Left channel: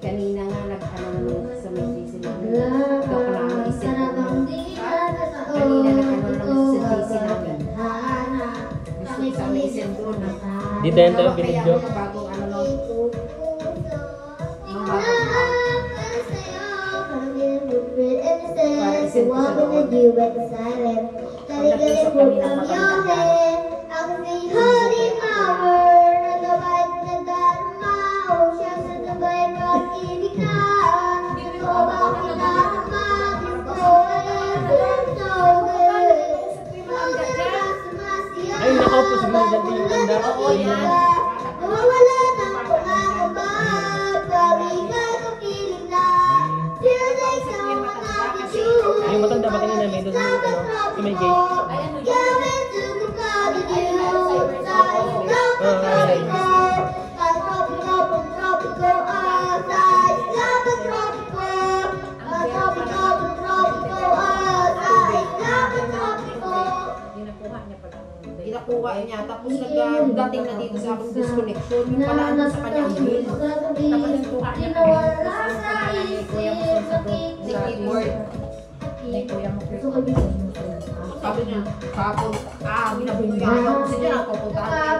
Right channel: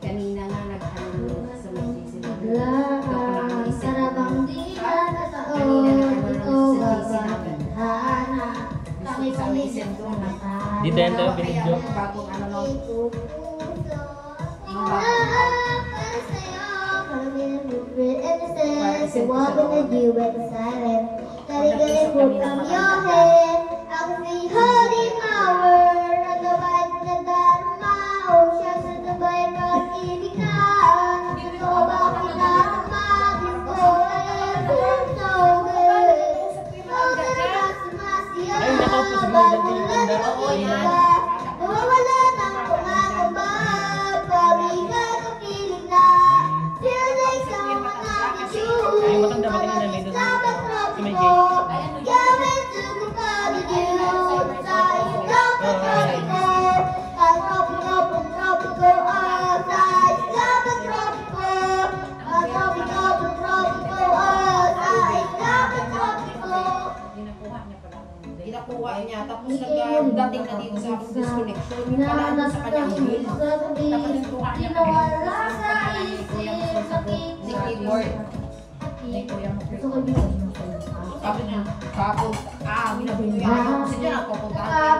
Kanina nga nag-ano sa may GC. Dok na ang isip ko. Kanina nag-ano sa GC namin. Gusto sa may isip ko na. Dito yan tayo, binidyo. Bagong ano no. Ay, nako po, siguro dyan din yung ganda. Nawawala ng pumababa, pag-iba ng piling na, feel like someone not the truth. Ay, yung matanda ba kanina may doon sa may gate? Gawin to the body you, like tropical outside, Ginakuha niya, tapos nag-dating na dito sa akong disconnection, yung palaan sa kanyang bill. Tapos nagkuha niya kami ang pangalan ni Kuya mo sa keyboard. Ni Kuya mo. Sabi niya, kapag, binabunuyan ako, kasi niya napupuntahan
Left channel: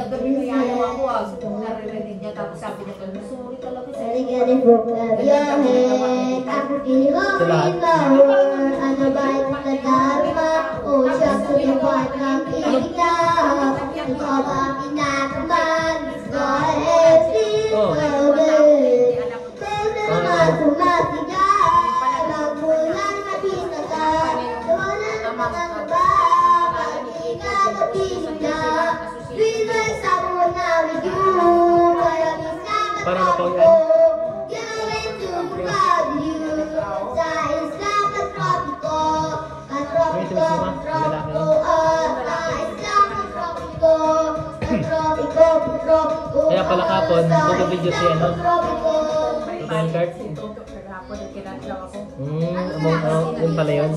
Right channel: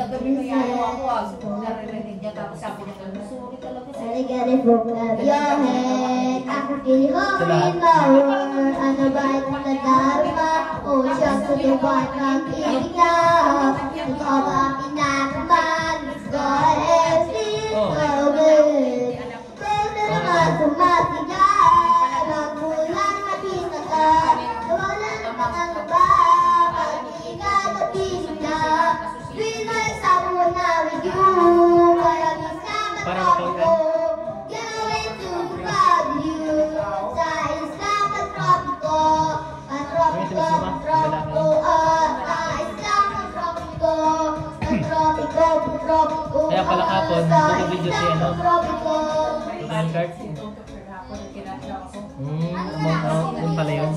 gagawin mo yan ako, naririnig niya, tapos sabi niya, sorry talaga sa Para na po yan. Kaya pala kapon, video si ano? Total card? Amount out, yun pala yun.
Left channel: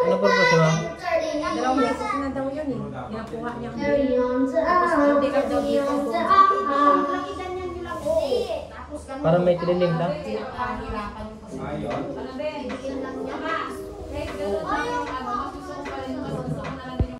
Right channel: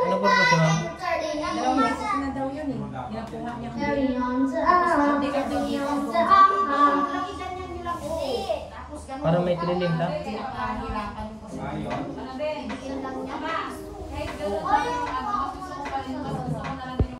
Ano po po siya? Dalawang beses na daw yun eh. Ginakuha niya kami. Parang may tiniling lang.